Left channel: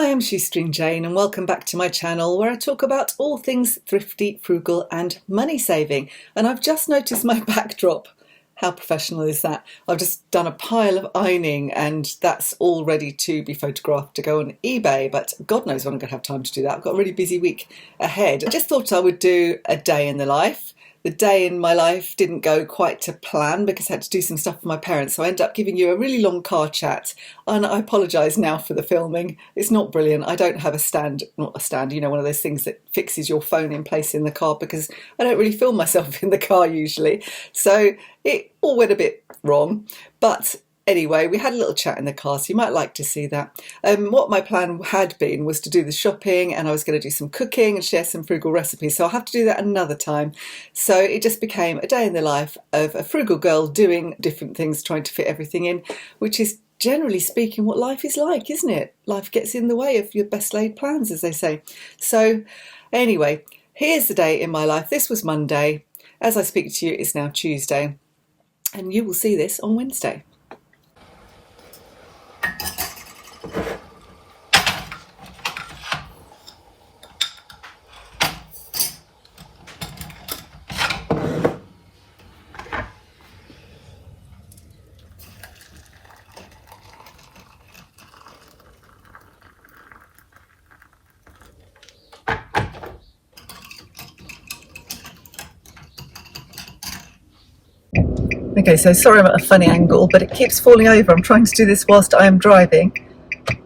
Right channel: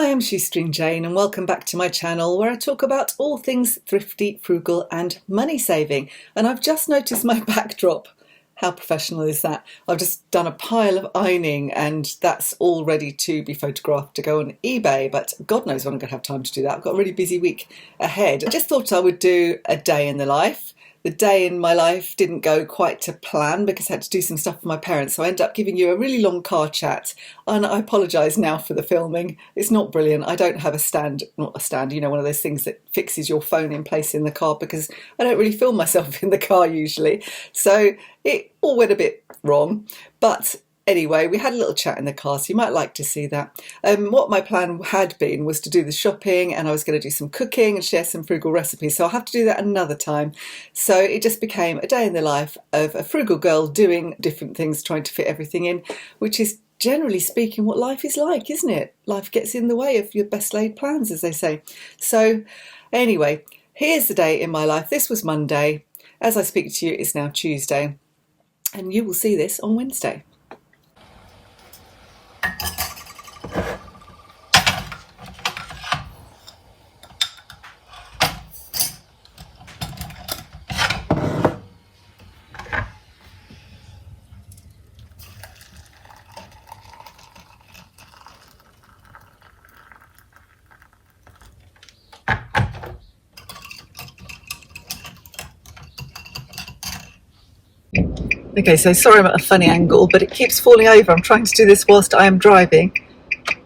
Hi, I'm Shoestring Jane and welcome back to my channel where I talk about all things thrifty, frugal and money saving. And I've just noticed my backdrop. How professional is that? I've just done a pile of ironing and that's all ready to be photographed to go on eBay, but God knows when I'm going to have time to do that. I've got a really busy week ahead. I just thought I would do a day in the life. The day in my life didn't go quite to plan because I had to do some stuff for my parents, so I ended up giving you a really long car chat, and I apologise now for the filming. It's not brilliant. I don't have not a stand, you know, one of those things that fixes your phone in place in the car, because I don't really film myself in the car usually, so it all went a bit wrong. But anyway, we had a little chat in the car, so you might like to see that. What my plan had been was to do the shopping, and I was going to do some cooking and share some frugal recipes, so I'll have to do that another time. So it just became a day in the life of a frugal girl doing different things, trying to fit everything in, which is generally speaking what life is like, isn't it? Life gets in the way of your best laid plans, as they say. So anyway, here's the day in my life. This was Monday. As I speak to you, it's now Tuesday, and you will see this on Wednesday. Okay, so sorry I'm at a funny angle, but it keeps falling over. I'm trying to do this whilst I am driving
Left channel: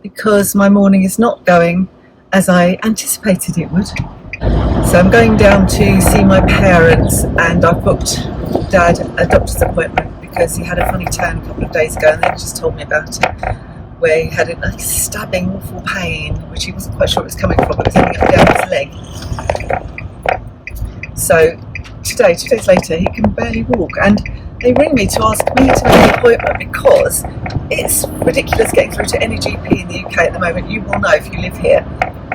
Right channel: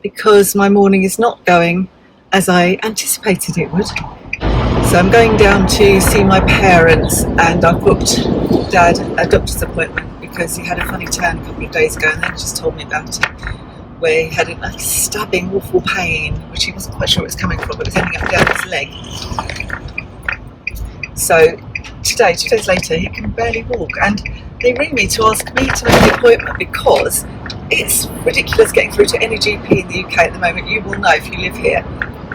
because my morning is not going as I anticipated it would. So I'm going down to see my parents, and I've booked Dad a doctor's appointment because he had a funny turn a couple of days ago, and they just told me about it, where he had a stabbing, awful pain, which he wasn't quite sure it was coming from, but it was ending up down his leg. So today, 2 days later, he can barely walk, and they ring me to ask me to make an appointment because it's ridiculous getting through to any GP in the UK at the moment. You will know if you live here.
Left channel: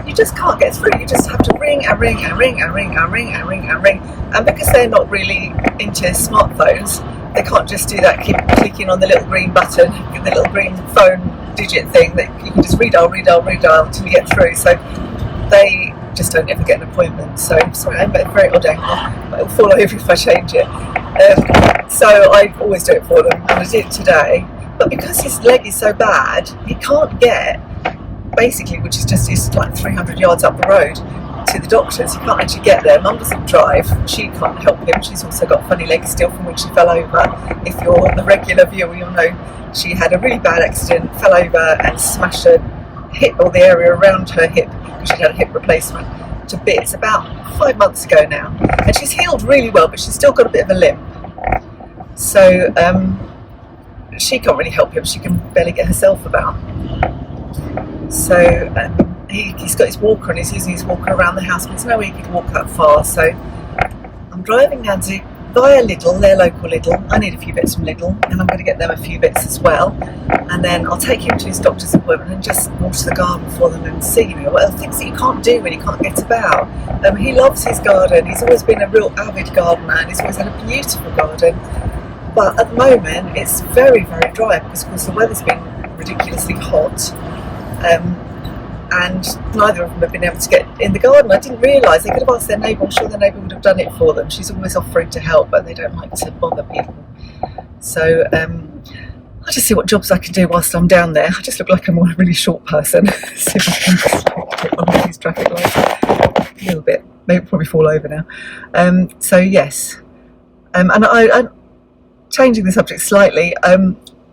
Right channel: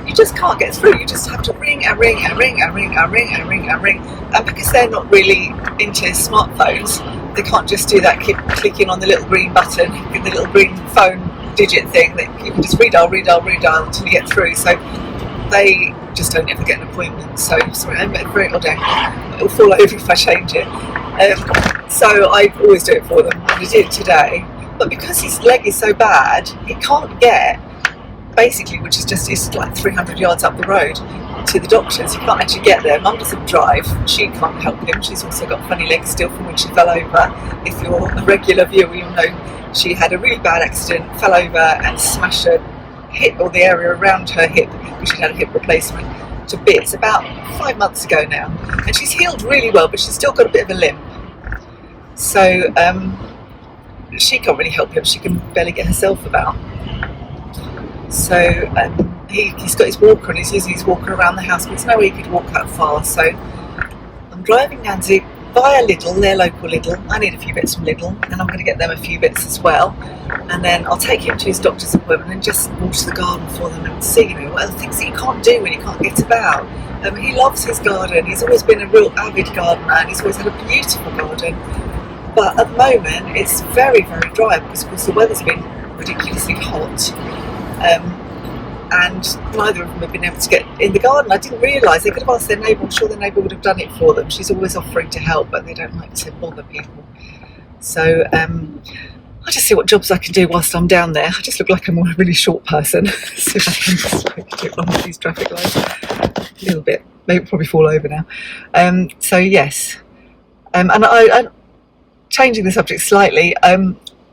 You just can't get through. You just have to ring and ring and ring and ring and ring and ring and ring. And because they're not really into smartphones, they can't just do that, keep clicking on the little green button, the little green phone digit thing that you can just redial until you get through. So they just don't ever get an appointment. So sorry, I'm at a very odd angle. It will fall over if I change it. So I always do it for them, and I did it today. But because his leg is so bad, he can't get, basically, which is just it's like 300 yards up the road to the doctors. He can't actually get there. Mum doesn't drive. She can't help him. She's also got funny legs still from when she fell over. If you're a regular viewer, you'll know she had a really bad accident, fell over and smashed her hip, or the area around her hip, because she had a hip replacement, to bits about 5 months ago now. And she's healed really well, but she's still got a bit of a limp. So she can't really help him. She can barely get herself about. So he's got his walker, and he's using his walker around the house, but there's no way he could walk that far. So I'm driving Nancy via Lidl, their local Lidl. I need a few bits from Lidl, and I'm going to get them a few bits as well. And then I'll take him to his doctor's appointment and just water the garden for them and see, you know, what other things that you can't do when you can't get about. He loves his garden. He's always been a real avid gardener, and he's always had a beautiful garden. But at the moment, it's very, very dry because, of course, the weather's been ridiculously hot. And neither of them have been able to get in the garden. I didn't realise. They could have asked their neighbour. I'm sure their neighbour would have done it for them. She's always offering to help, but they don't like to bother people. So I'll just see what jobs I can do whilst I'm down there. I just look like I'm a really short person. See if I can just get one of these traffic lights. A little bit. Maybe it'll probably fall over now. So yes. And I'm changing the subject slightly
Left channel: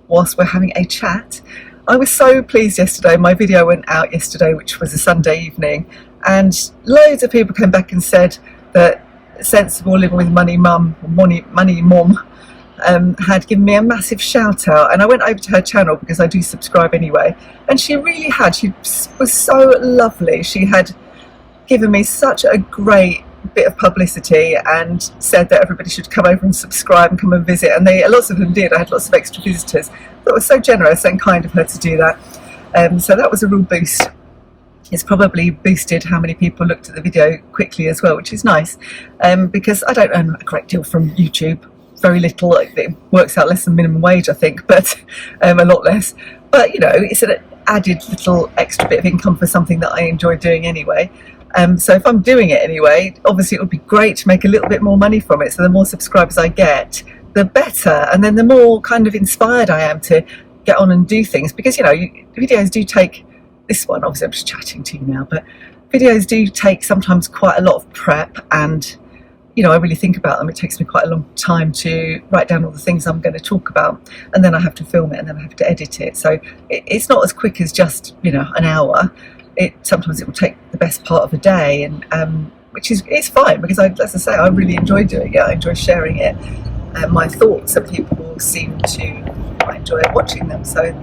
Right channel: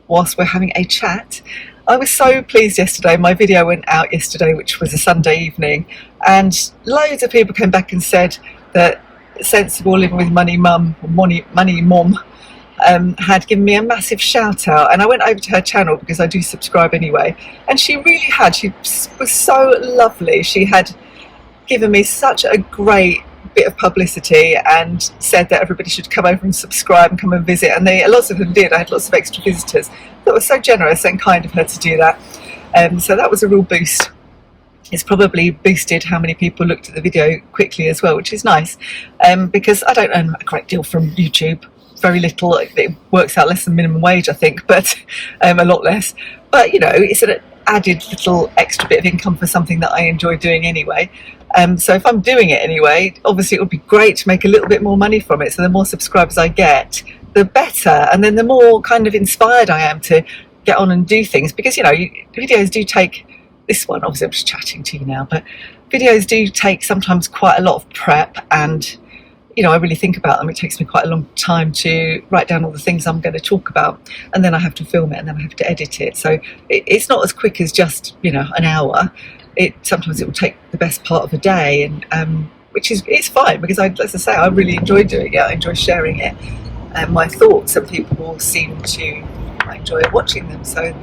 whilst we're having a chat. I was so pleased yesterday. My video went out yesterday, which was a Sunday evening, and loads of people came back and said that Sensible Living with Money Mum had given me a massive shout out, and I went over to her channel because I do subscribe anyway, and she really had. She was so lovely. She had given me such a great bit of publicity and said that everybody should come over and subscribe and come and visit, and lots of them did. I had lots of extra visitors. That was so generous and kind of her to do that. So that was a real boost. It's probably boosted how many people looked at the video quickly as well, which is nice, because I don't earn a great deal from YouTube. Very little. It works out less than minimum wage, I think, but a lot less. But you know, it's added little extra bit of income for something that I enjoy doing anyway. So if I'm doing it anyway, obviously it would be great to make a little bit more money from it. So the more subscribers I get, the better. And then the more kind of inspired I am to get on and do things, because, you know, videos do take, this one, obviously I'm just chatting to you now, but videos do take sometimes quite a lot of prep, and, you know, I really think about them. It takes me quite a long time to write down all the things I'm going to talk about, and then I have to film it, and then I have to edit it. So it's not as quick as just, you know, an hour. Sometimes it will take the best part of a day, and which is, it's fine, because as I say, I really enjoy doing it. I enjoy sharing it and my thoughts, and people seem to enjoy watching them. So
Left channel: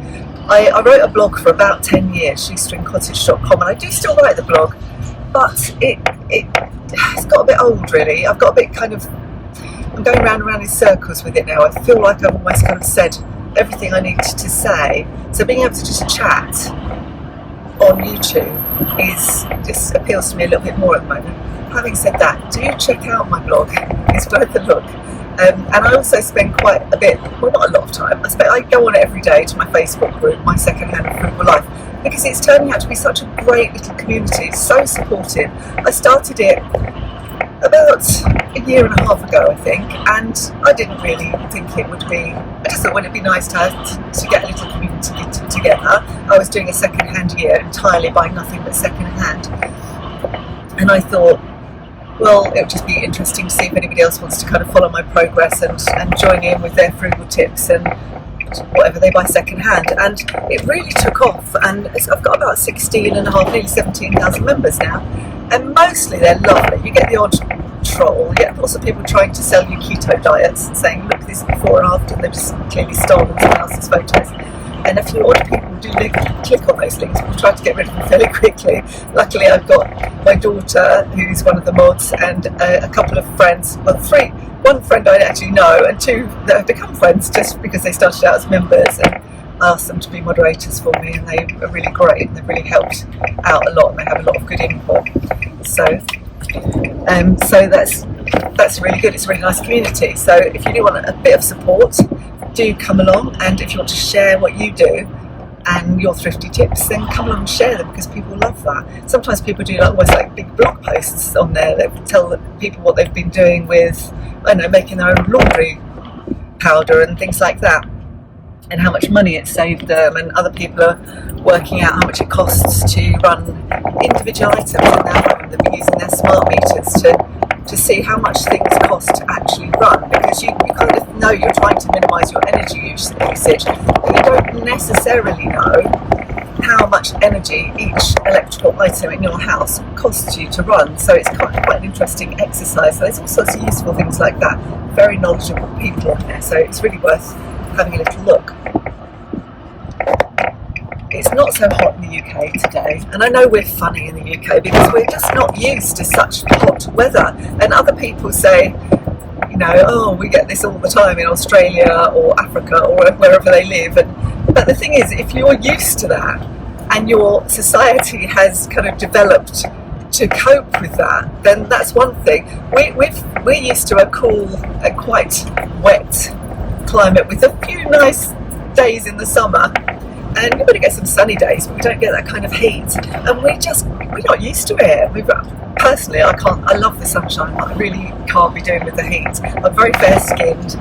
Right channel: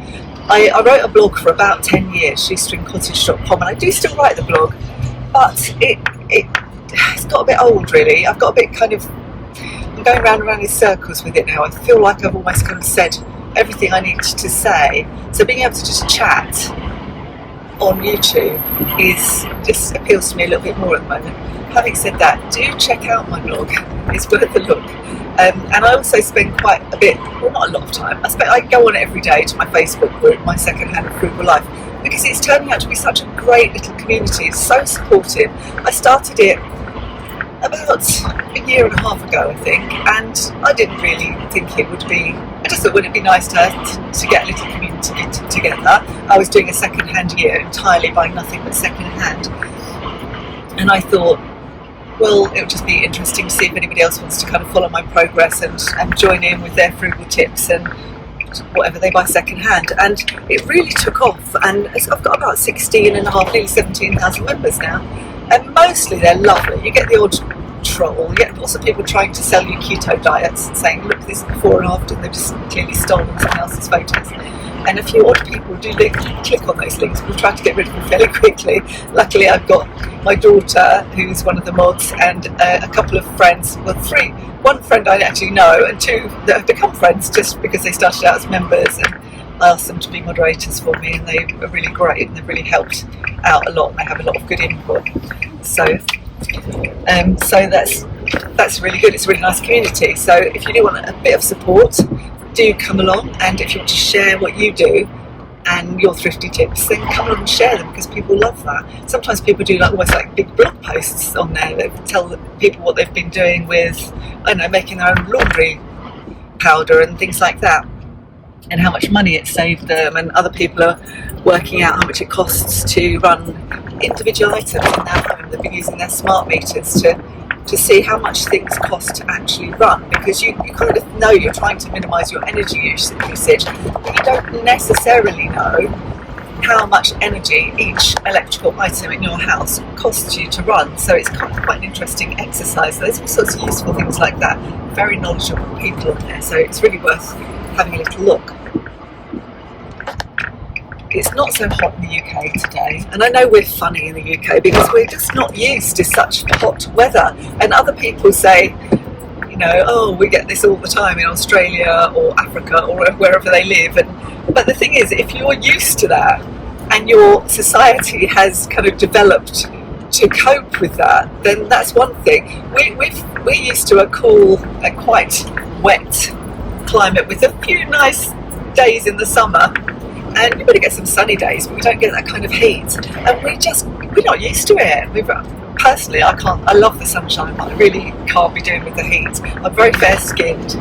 I wrote a blog for about 10 years, shoestringcottage.com, and I do still write the blog, but it's got a bit old, really. I've got a bit kind of, I'm going round and round in circles with it now. I feel like I've almost kind of said everything I need to say. So being able to just chat on YouTube just appeals to me a little bit more at the moment. Having said that, do check out my blog. It's worth a look. And I also spend quite a bit, well, not a lot of time, I go on it every day to my Facebook group, my second-hand Frugal life, because it's turning out to be such a great little community. It's so supportive. I started it about a year and a half ago, I think, and I didn't really think it would be, I just thought, wouldn't it be nice to get a little community together. I was doing a second-hand year, entirely buying nothing but second-hand, and I thought, well, it would just be interesting to see if anybody else wants to kind of follow my progress and join in with their frugal tips and whatever they buy second-hand. And it really took off, and I've got about 16 and a half, nearly 17,000 members now, and mostly they're lovely. You get the odd troll, you get lots of people trying to sell you keto diets and saying, look, this is before and after, and they've just clearly stolen someone else's photos. And a few odd people do click on those links. We'll try to get rid of them fairly quickly. Luckily, I've got my daughter, who's one of the mods, and a couple of friends, well, three. One friend I actually know, and two that have become friends just because they started out as members, and I asked them to be moderators for me, and they are really great, and they've really helped out a lot, and they have a lot of good input. So that's really good. It's a really nice community. So if you do want a bit of support, do come along, and if you want to share what you do and your thrifty tips, then come along and share them, because people love that. Sometimes people do almost like big blog posts on there that tell people what they've been doing with, I don't know, making their own laundry powder and things like that, and how much money it saved them, and other people are working out how much it costs to run individual items in their home. They've been using their smart meters to see how much things cost to actually run, because you kind of know you're trying to minimise your energy usage, but you don't necessarily know how much energy each electrical item in your house costs you to run. So it's quite an interesting exercise. So there's all sorts of useful things like that. Very knowledgeable people on there, so it's really worth having a little look. It's not so hot in the UK today, and I know we're funny in the UK because we're just not used to such hot weather, and other people say, you know, oh, we get this all the time in Australia or Africa or wherever they live, but the thing is, if you're used to that and your society has kind of developed to cope with that, then that's one thing. We're used to a cool, a quite wet climate with a few nice days in the summer, and we're going to get some sunny days, but we don't get that kind of heat, and we're not used to it. Personally, I love the sunshine, but I really can't be doing with the heat. I'm very fair skinned,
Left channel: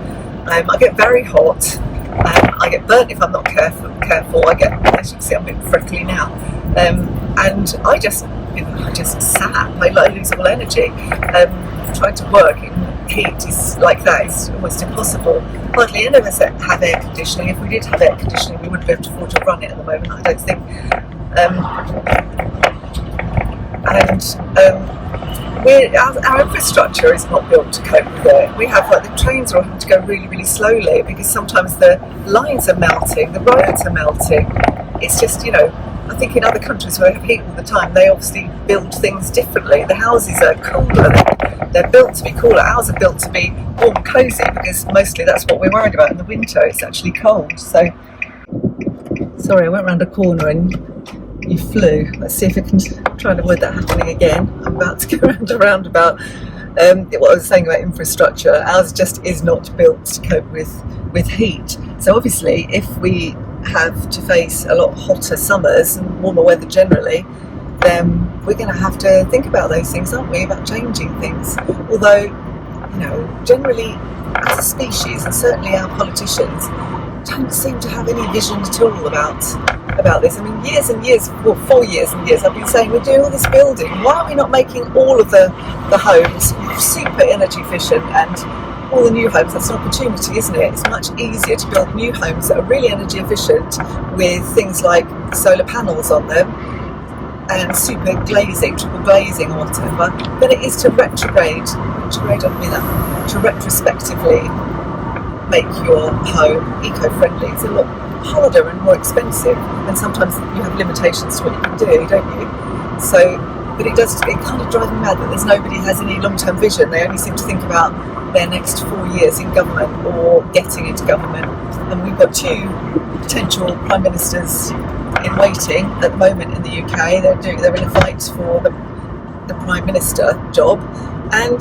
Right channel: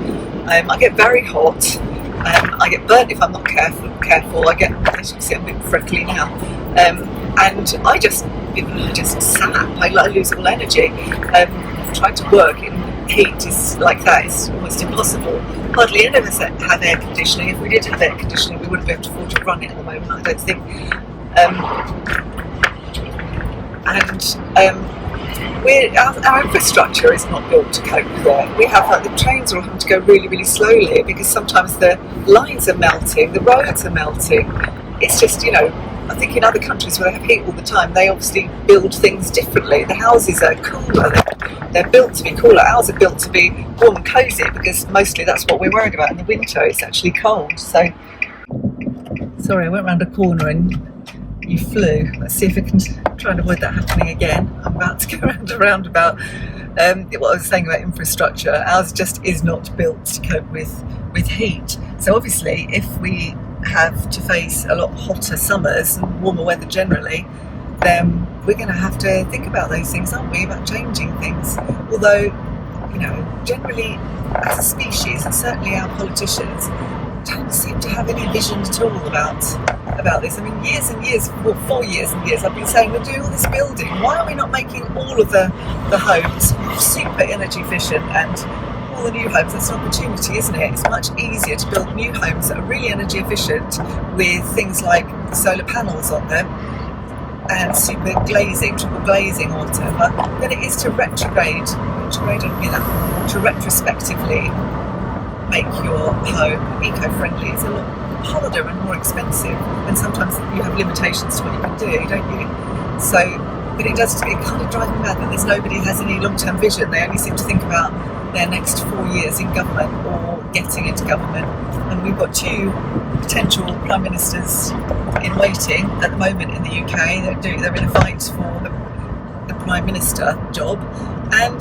I get very hot, I get burnt if I'm not careful. I get, as you can see, I'm a bit freckly now, and I just sap. I lose all energy. Trying to work in heat is like that is almost impossible. Hardly any of us have air conditioning. If we did have air conditioning, we wouldn't be able to afford to run it at the moment, I don't think. Our infrastructure is not built to cope with it. We have, like, the trains are having to go really, really slowly because sometimes the lines are melting, the roads are melting. It's just, you know, I think in other countries where they have heat all the time, they obviously build things differently. The houses are cooler, they're built to be cooler. Ours are built to be warm and cosy because mostly that's what we're worried about in the winter. It's actually cold. So, sorry, I went round a corner and you flew. Let's see if I can try and avoid that happening again. I'm about to go round a roundabout. What I was saying about infrastructure, ours just is not built to cope with heat. So obviously, if we have to face a lot hotter summers and warmer weather generally, then we're going to have to think about those things, aren't we, about changing things. Although, you know, generally as a species, and certainly our politicians, don't seem to have any vision at all about this. I mean, years and years, well, for years and years, I've been saying we're doing all this building. Why are we not making all of the homes super energy efficient, and all the new homes? That's an opportunity, isn't it? It's much easier to build new homes that are really energy efficient with things like solar panels on them and super glazing, triple glazing or whatever, than it is to retrograde, I don't mean that, to retrospectively make your home eco-friendly. It's a lot harder and more expensive, and sometimes you have limitations to what you can do, don't you? So, but it kind of drives me mad that there's nobody who has any long-term vision. They only seem to think about their next 4 years in government or getting into government. And we've got 2 potential prime ministers in waiting at the moment in the UK. They're in a fight for the prime minister job, and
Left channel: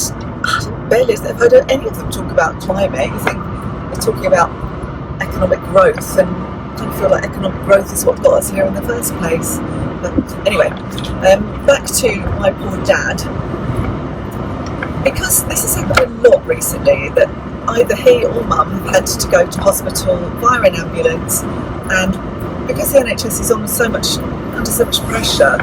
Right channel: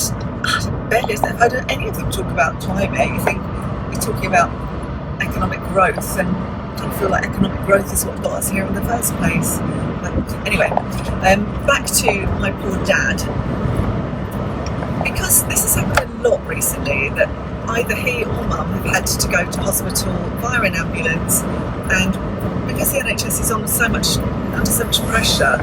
barely have heard any of them talk about climate. You think they're talking about economic growth, and I kind of feel like economic growth is what got us here in the first place. But anyway, back to my poor dad. Because this has happened a lot recently, that either he or mum have had to go to hospital via an ambulance, and because the NHS is under so much pressure,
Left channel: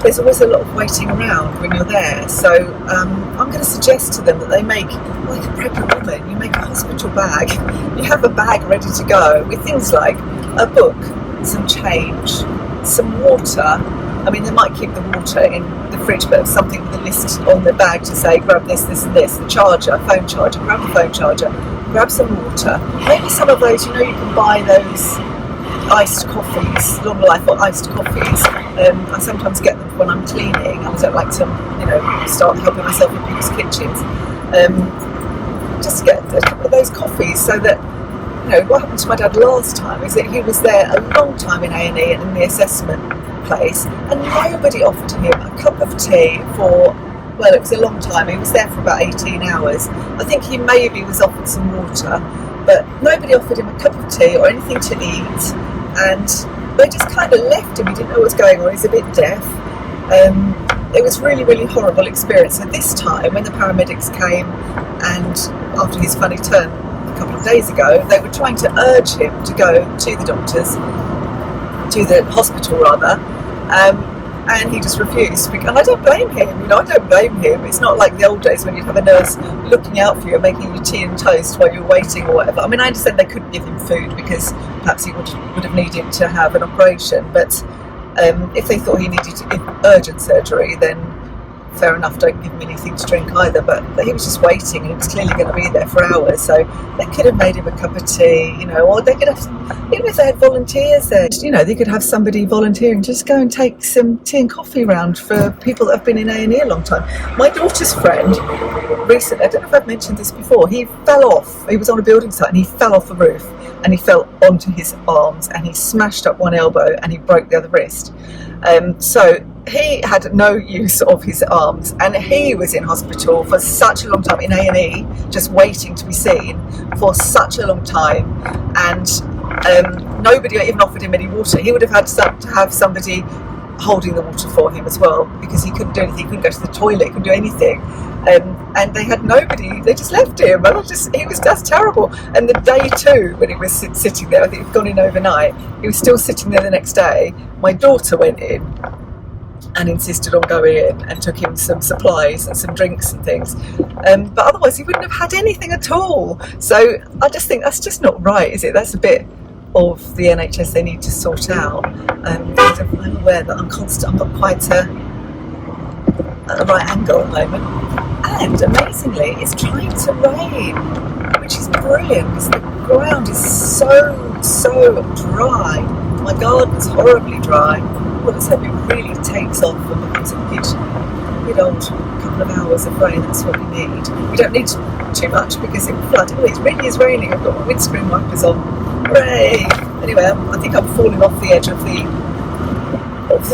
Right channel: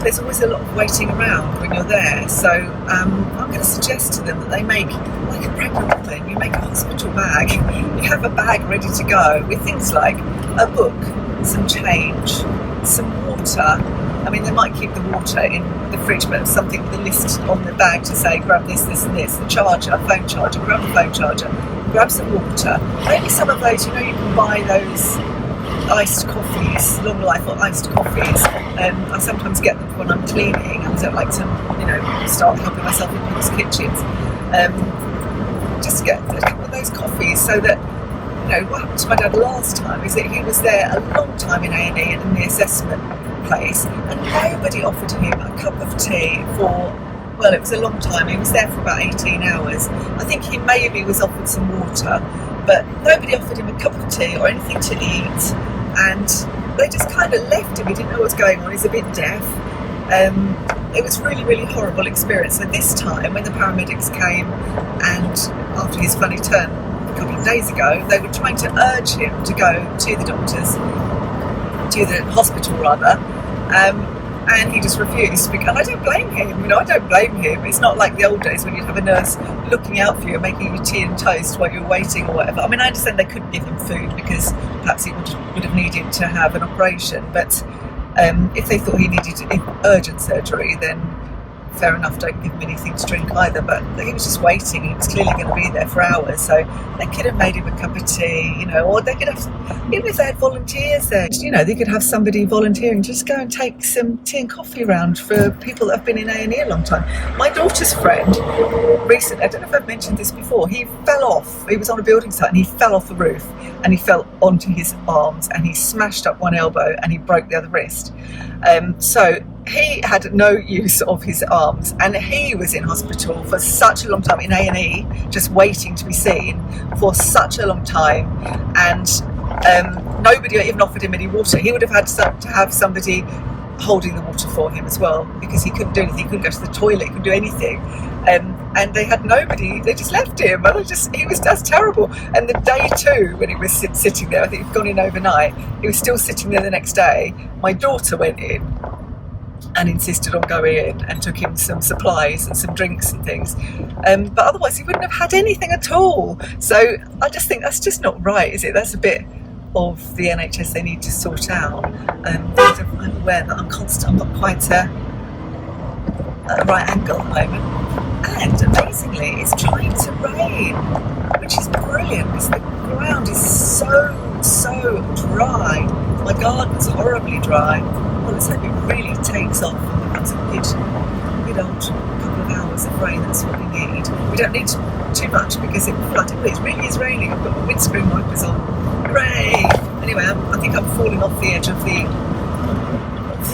there's always a lot of waiting around when you're there. So I'm going to suggest to them that they make, like a pregnant woman, you make a hospital bag. You have a bag ready to go with things like a book, some change, some water. I mean, they might keep the water in the fridge, but something with a list on the bag to say, grab this, this and this, the charger, phone charger, grab the phone charger, grab some water. Maybe some of those, you know, you can buy those iced coffees, long life or iced coffees. I sometimes get them when I'm cleaning. I don't like to, you know, start helping myself in people's kitchens. Just to get a couple of those coffees, so that, you know, what happened to my dad last time is that he was there a long time in A&E and in the assessment place, and nobody offered him a cup of tea for, well, it was a long time. He was there for about 18 hours. I think he maybe was offered some water, but nobody offered him a cup of tea or anything to eat, and they just kind of left him. He didn't know what was going on. He's a bit deaf. It was really, really horrible experience. So this time, when the paramedics came, and after his funny turn a couple of days ago, they were trying to urge him to go to the doctors, to the hospital rather, and he just refused. And I don't blame him, you know, I don't blame him. It's not like the old days when you'd have a nurse looking out for you, making you tea and toast while you were waiting or whatever. I mean, I understand they couldn't give him food because perhaps he would have needed to have an operation, but if they thought he needed urgent surgery, then fair enough, don't give him anything to drink either. But he was just waiting, and he was clearly going to be there for hours, so they could have made him a cup of tea, you know, or they could have, even if they had volunteers there, you know, they could have somebody volunteering, just go and take some tea and coffee around for people that have been in A&E a long time. My daughter's friend recently, I don't know if I've mentioned this before, he fell off. He was on a building site and he fell off the roof, and he fell onto his arms, and he smashed up one elbow and he broke the other wrist. So he had no use of his arms, and he was in hospital for such a long time, in A&E, just waiting to be seen for such a long time, and nobody even offered him any water. He would have had to have somebody holding the water for him as well, because he couldn't do anything. He couldn't go to the toilet, he couldn't do anything, and they had nobody. They just left him, and that's terrible. And the day 2, when he was sitting there, I think he'd gone in overnight, he was still sitting there the next day. My daughter went in and insisted on going in and took him some supplies and some drinks and things, but otherwise he wouldn't have had anything at all. So I just think that's just not right, is it? That's a bit of the NHS they need to sort out. I'm aware that I'm not quite at a right angle at the moment, and amazingly it's trying to rain, which is brilliant because the ground is so dry. My garden's horribly dry. Well, let's hope it really takes off and becomes a good old couple of hours of rain. That's what we need. We don't need too much because it will flood. Anyway, it really is raining. I've got my windscreen wipers on. Hooray! Anyway, I think I'm falling off the edge of the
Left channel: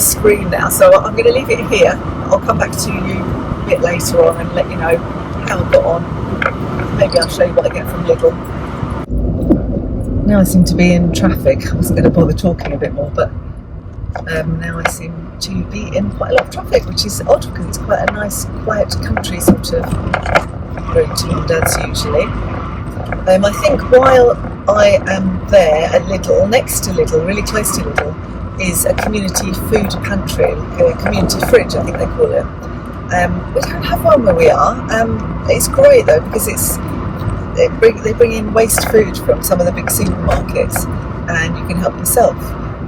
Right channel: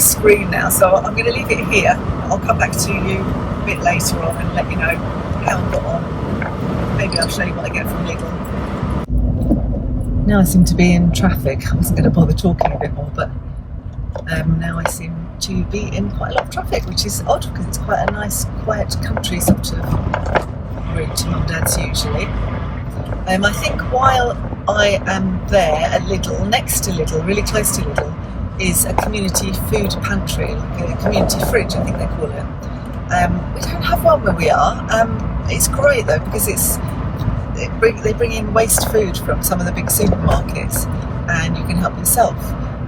screen now, so I'm going to leave it here. I'll come back to you a bit later on and let you know how I got on. Maybe I'll show you what I get from Lidl. now I seem to be in traffic. I wasn't going to bother talking a bit more, but now I seem to be in quite a lot of traffic, which is odd because it's quite a nice, quiet country sort of road to London's usually. I think while I am there at Lidl, next to Lidl, really close to Lidl, is a community food pantry, a community fridge, I think they call it. We don't have one where we are. It's great though because they bring in waste food from some of the big supermarkets, and you can help yourself.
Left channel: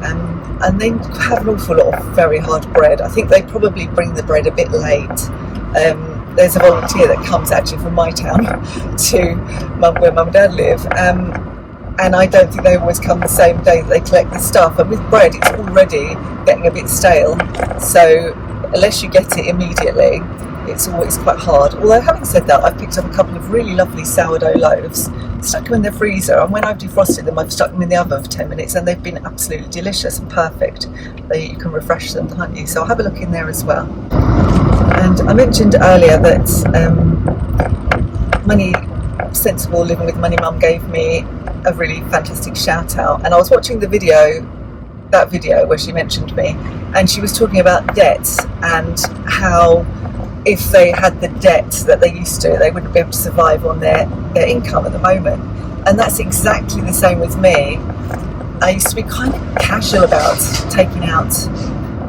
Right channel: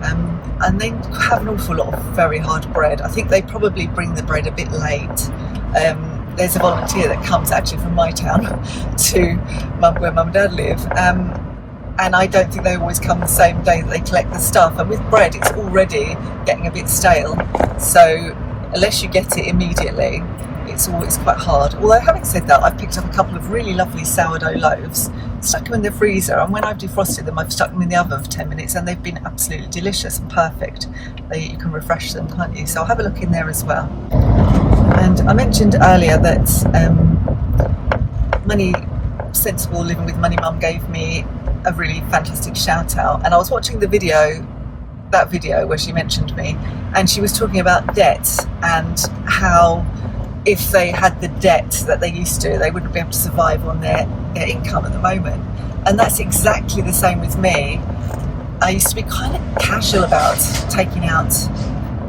And they have an awful lot of very hard bread. I think they probably bring the bread a bit late. There's a volunteer that comes actually from my town to where Mum and Dad live. And I don't think they always come the same day that they collect the stuff. And with bread, it's already getting a bit stale. So unless you get it immediately, it's always quite hard. Although having said that, I've picked up a couple of really lovely sourdough loaves, stuck them in the freezer, and when I've defrosted them, I've stuck them in the oven for 10 minutes, and they've been absolutely delicious and perfect. You can refresh them, can't you? So I'll have a look in there as well. And I mentioned earlier that Sensible Living with Money Mum gave me a really fantastic shout out, and I was watching that video where she mentioned me, and she was talking about debts and how if they had the debt that they used to, they wouldn't be able to survive on their income at the moment. And that's exactly the same with me. I used to be kind of casual about taking out,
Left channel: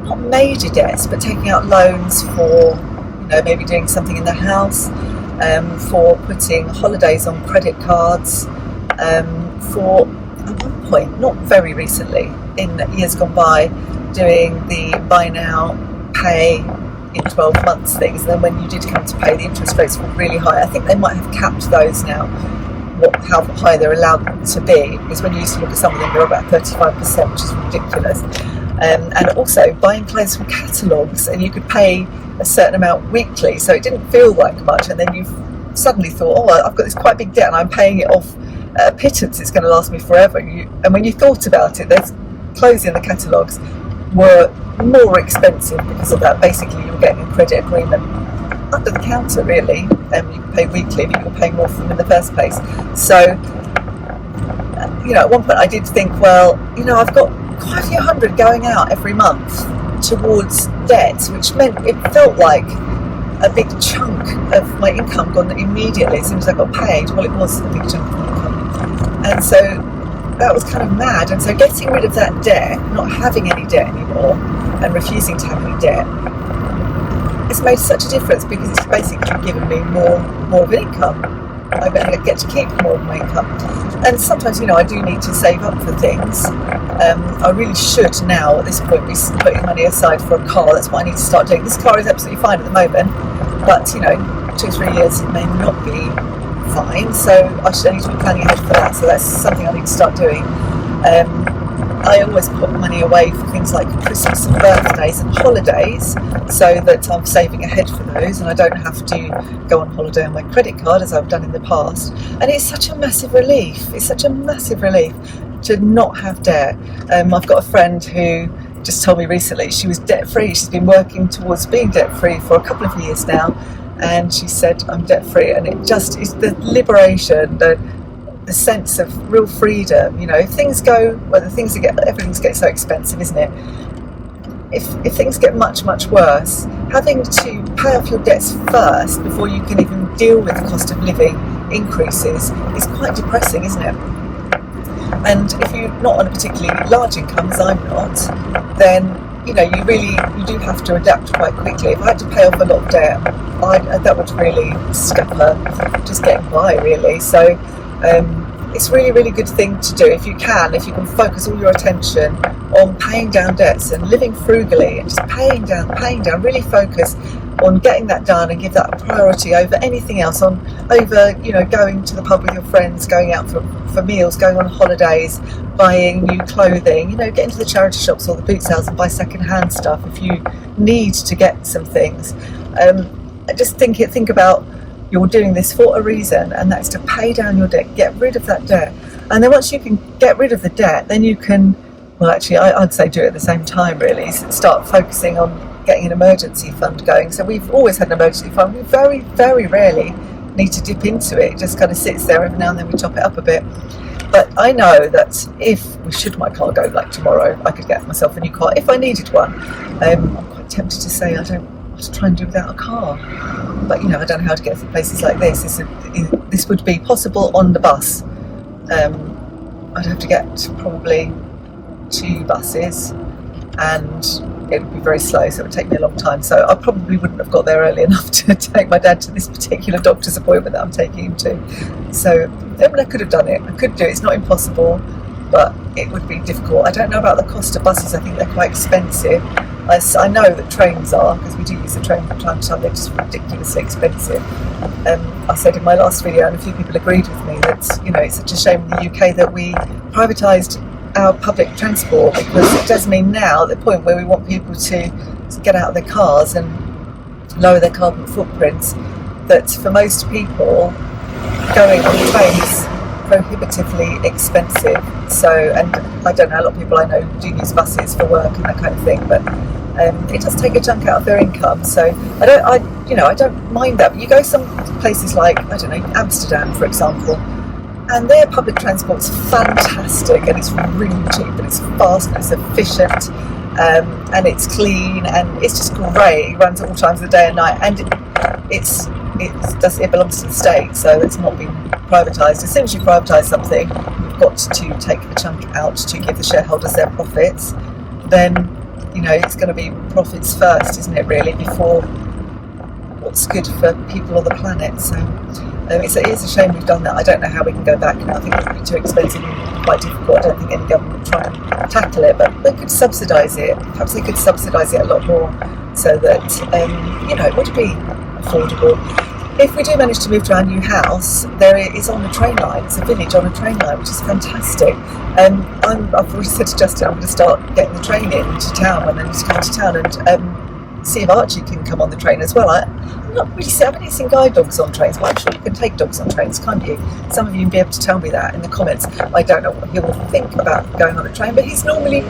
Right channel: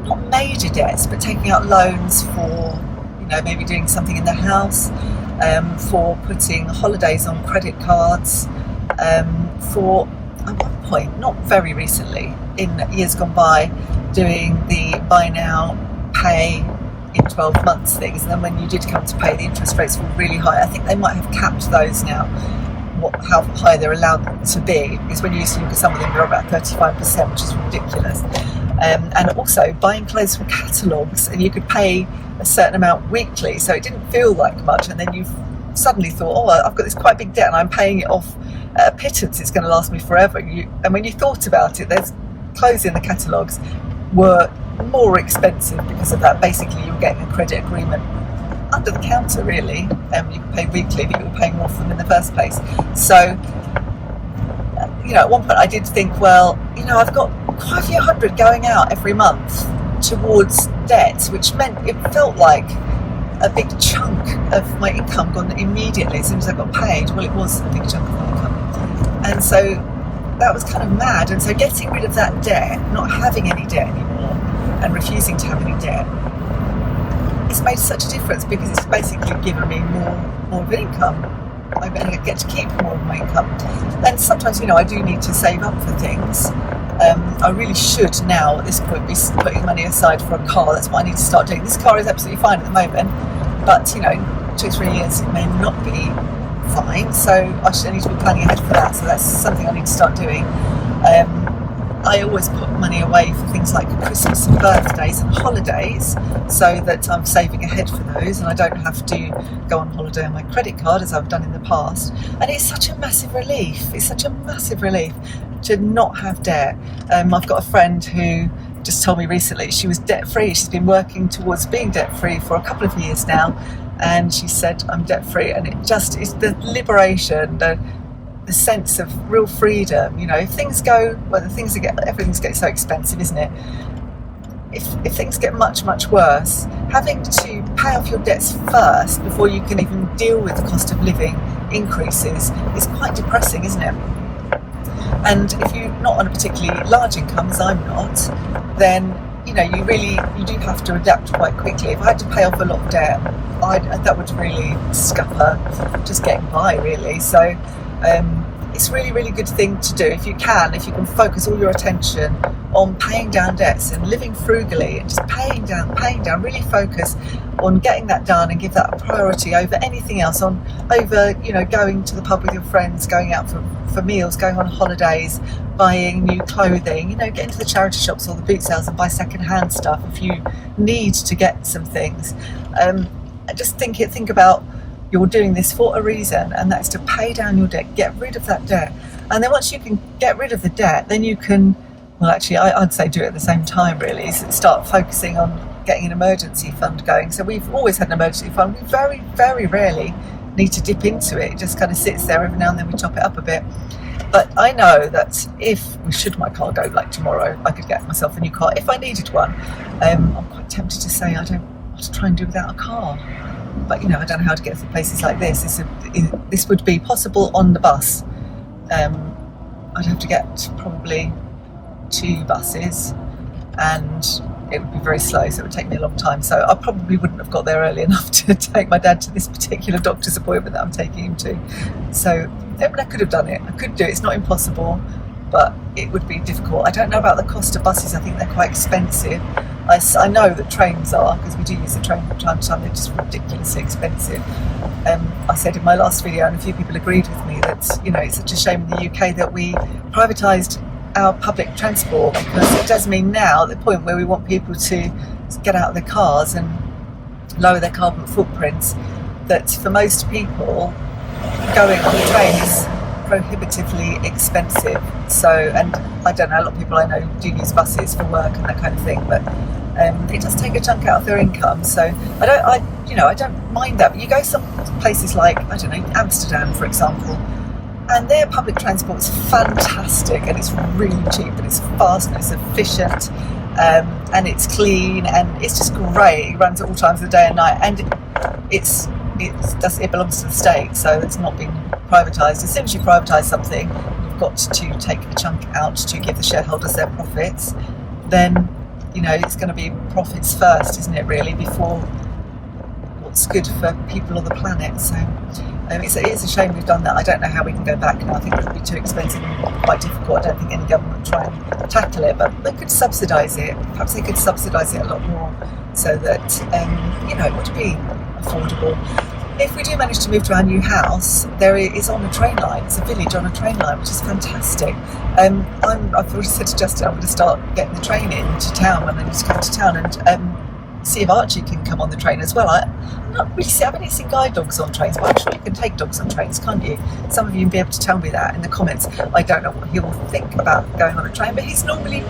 not major debts, but taking out loans for, maybe doing something in the house, for putting holidays on credit cards, for, at one point, not very recently, in years gone by, doing the buy now, pay in 12 months things. And then when you did come to pay, the interest rates were really high. I think they might have capped those now, how high they're allowed to be, because when you used to look at some of them, they're about 35%, which is ridiculous. And also buying clothes from catalogues, and you could pay a certain amount weekly, so it didn't feel like much, and then you suddenly thought, I've got this quite big debt and I'm paying it off at a pittance, it's going to last me forever. And when you thought about it, there's clothes in the catalogues were more expensive because of that. Basically, you were getting a credit agreement under the counter, really. You could pay weekly, but you were paying more for them in the first place. So, at one point I did think, I've got quite a few hundred going out every month towards debt, which meant it felt like a big chunk of my income gone immediately as soon as I got paid. Well, it was a big chunk of my income. And so that was kind of mad. And so getting rid of that debt, not having any debt anymore, and refusing to have any debt, it's made such a difference because it's basically given me more of an income. I get to keep more of my income. And sometimes, I do need to save up for things. I really should now, at this point, be putting money aside for a car. That's what I need to start doing. This car is absolutely fine at the moment, but, 2-3 years it may not be fine. So I need to be planning ahead for that. So that's something I need to start doing. I always put money away for things like Christmas and birthdays and holidays, so that I'm saving ahead for those and I don't have to go on holiday on my credit card as I've done in the past. And it's such a massive relief. It's such a massive relief to not have debt. I've got a friend who just told me recently she was debt-free. She's been working towards being debt-free for a couple of years now, and she said, I'm debt-free, and it just is the liberation, the sense of real freedom. Things go, everything's getting so expensive, isn't it? If things get much, much worse, having to pay off your debts first before you can even deal with the cost of living increases is quite depressing, isn't it? And if you're not on a particularly large income, as I'm not, then you do have to adapt quite quickly. If I had to pay off a lot of debt, that would really scupper just getting by, really. So it's a really, really good thing to do if you can focus all your attention on paying down debts and living frugally and just paying down, really focus on getting that done and give that a priority over anything else, over going to the pub with your friends, going out for meals, going on holidays, buying new clothing, getting to the charity shops or the boot sales and buy second-hand stuff if you need to get some things. Just think about, you're doing this for a reason, and that's to pay down your debt, get rid of that debt. And then once you can get rid of the debt, then you can, I'd say do it at the same time, really. Start focusing on getting an emergency fund going. So we've always had an emergency fund. We very, very rarely need to dip into it. It just kind of sits there. Every now and then we top it up a bit. But I know that should my car go like tomorrow, I could get myself a new car if I needed one. I'm quite tempted to say I don't want to try and do without a car. But I don't know how to get to places like this. This would be possible on the bus. I'd have to get probably 2 buses, and it would be very slow, so it would take me a long time. So I probably wouldn't have got there early enough to take my dad to this particular doctor's appointment that I'm taking him to. So I could have done it. I could do it. It's not impossible, but it would be difficult. I don't know about the cost of buses. I think they're quite expensive. I know that trains are, because we do use the train from time to time. They're just ridiculously expensive. I said in my last video, and a few people agreed with me, that it's such a shame in the UK that we privatised our public transport, because it does mean now, at the point where we want people to get out of their cars and lower their carbon footprints, that for most people going on the train is prohibitively expensive. So, and I don't know, a lot of people I know do use buses for work and that kind of thing, but it does take a chunk out of their income. So I don't mind that. But you go some places like, I don't know, Amsterdam, for example, and their public transport is fantastic, and it's really cheap, and it's fast, and it's efficient, and it's clean, and it's just great. It runs at all times of the day and night, and it belongs to the state, so it's not being privatised. As soon as you privatise something, you've got to take a chunk out to give the shareholders their profits. Then it's going to be profits first, isn't it, really, before what's good for people or the planet. So it is a shame we've done that. I don't know how we can go back now. I think it would be too expensive and quite difficult. I don't think any government would try and tackle it, but they could subsidise it. Perhaps they could subsidise it a lot more, so that it would be affordable. If we do manage to move to our new house, there is on a train line. It's a village on a train line, which is fantastic. I've already said to Justin I'm going to start getting the train into town when I need to come to town, and see if Archie can come on the train as well. I've only seen guide dogs on trains, but I'm sure you can take dogs on trains, can't you? Some of you will be able to tell me that in the comments. I don't know what he will think about going on a train, but he's normally,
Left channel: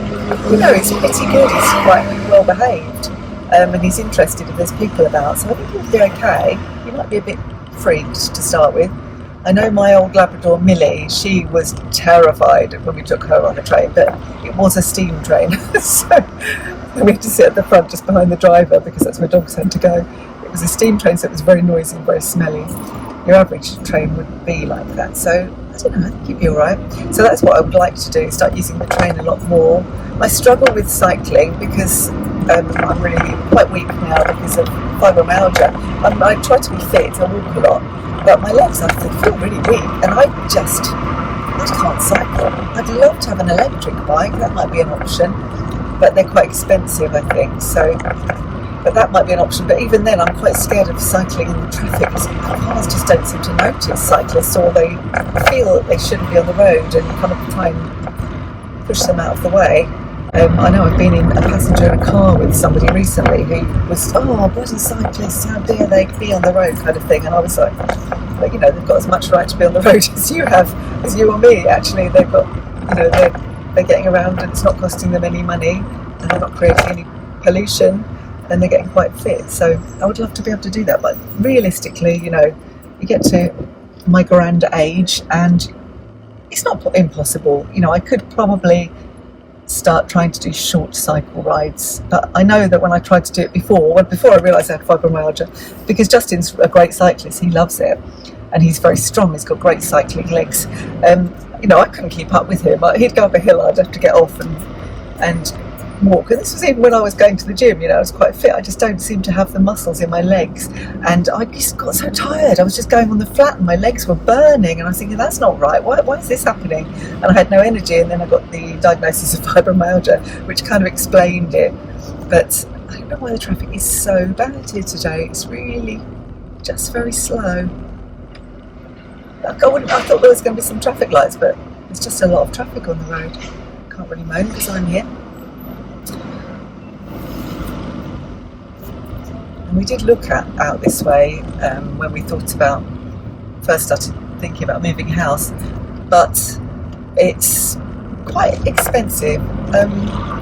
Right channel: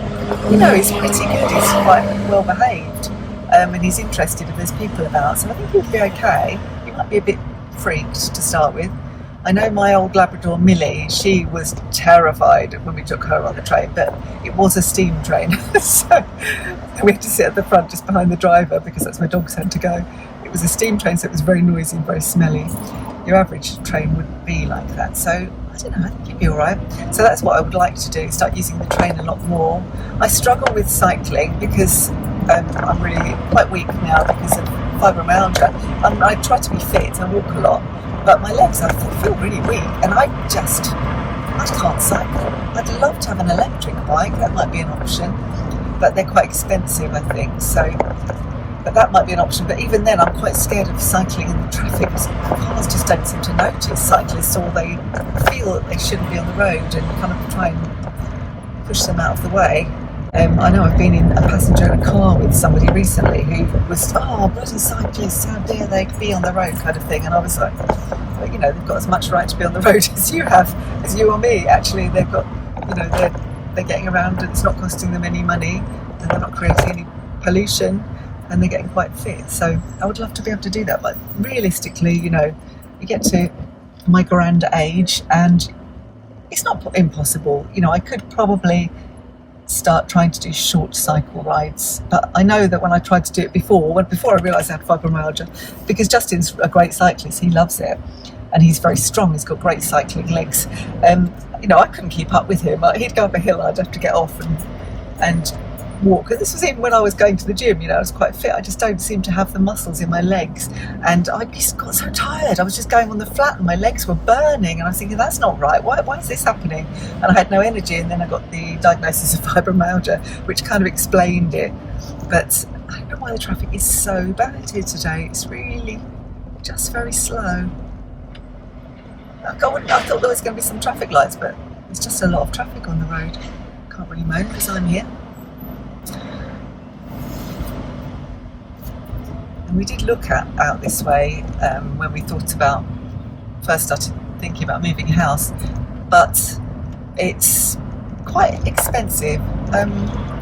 he's pretty good. He's quite well behaved, and he's interested if there's people about. So I think he'll be okay. He might be a bit freaked to start with. I know my old Labrador Millie, she was terrified when we took her on a train, but it was a steam train, so we had to sit at the front just behind the driver, because that's where dogs tend to go. It was a steam train, so it was very noisy and very smelly. Your average train would be like that, so I don't know, I think you'd be alright. So that's what I would like to do, start using the train a lot more. I struggle with cycling because I'm really quite weak now because of fibromyalgia. I try to be fit, I walk a lot, but my legs, I feel really weak, and I can't cycle. I'd love to have an electric bike, that might be an option, but they're quite expensive, I think, so, but that might be an option. But even then, I'm quite scared of cycling in the traffic, because cars just don't seem to notice cyclists, or they feel that they shouldn't be on the road and kind of try and push them out of the way. I know I've been a passenger in a car with somebody recently who was, bloody cyclists, how dare they be on the road, kind of thing. And I was like, but they've got as much right to be on the road as you or me. Actually, they've got, they're getting around, and it's not costing them any money, and they're not creating any pollution, and they're getting quite fit. So I would love to be able to do that. But realistically, you get to my grand age, and it's not impossible. I could probably start trying to do short cycle rides, but I know that when I tried to do it before I realised I had fibromyalgia, because Justin's a great cyclist, he loves it, and he's very strong, he's got great cycling legs. I couldn't keep up with him. He'd go up a hill, I'd have to get off and walk. And this was even when I was going to the gym, I was quite fit. I just don't seem to have the muscles in my legs, and I just got so tired. I was just going on the flat and my legs were burning, and I was thinking, that's not right, why is this happening? And I had no energy, and then I got the diagnosis of fibromyalgia, which kind of explained it. But I don't know why the traffic is so bad here today. It's really just very slow. I thought there was going to be some traffic lights, but there's just a lot of traffic on the road. Can't really moan because I'm here. And we did look out this way when we first started thinking about moving house, but it's quite expensive.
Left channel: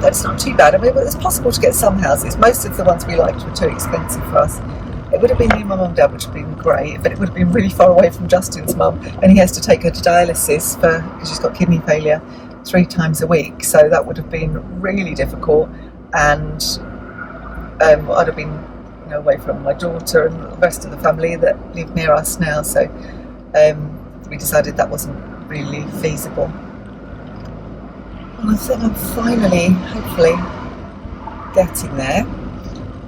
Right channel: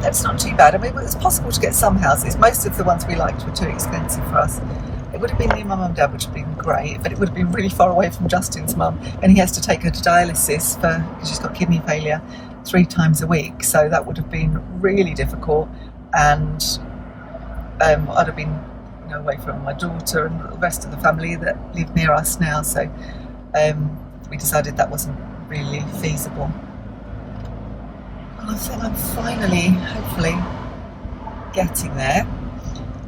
That's not too bad. I mean, it's possible to get some houses. Most of the ones we liked were too expensive for us. It would have been near my mum and dad, which would have been great, but it would have been really far away from Justin's mum, and he has to take her to dialysis because she's got kidney failure 3 times a week, so that would have been really difficult. And I'd have been, you know, away from my daughter and the rest of the family that live near us now, so we decided that wasn't really feasible. And I think I'm finally, hopefully, getting there.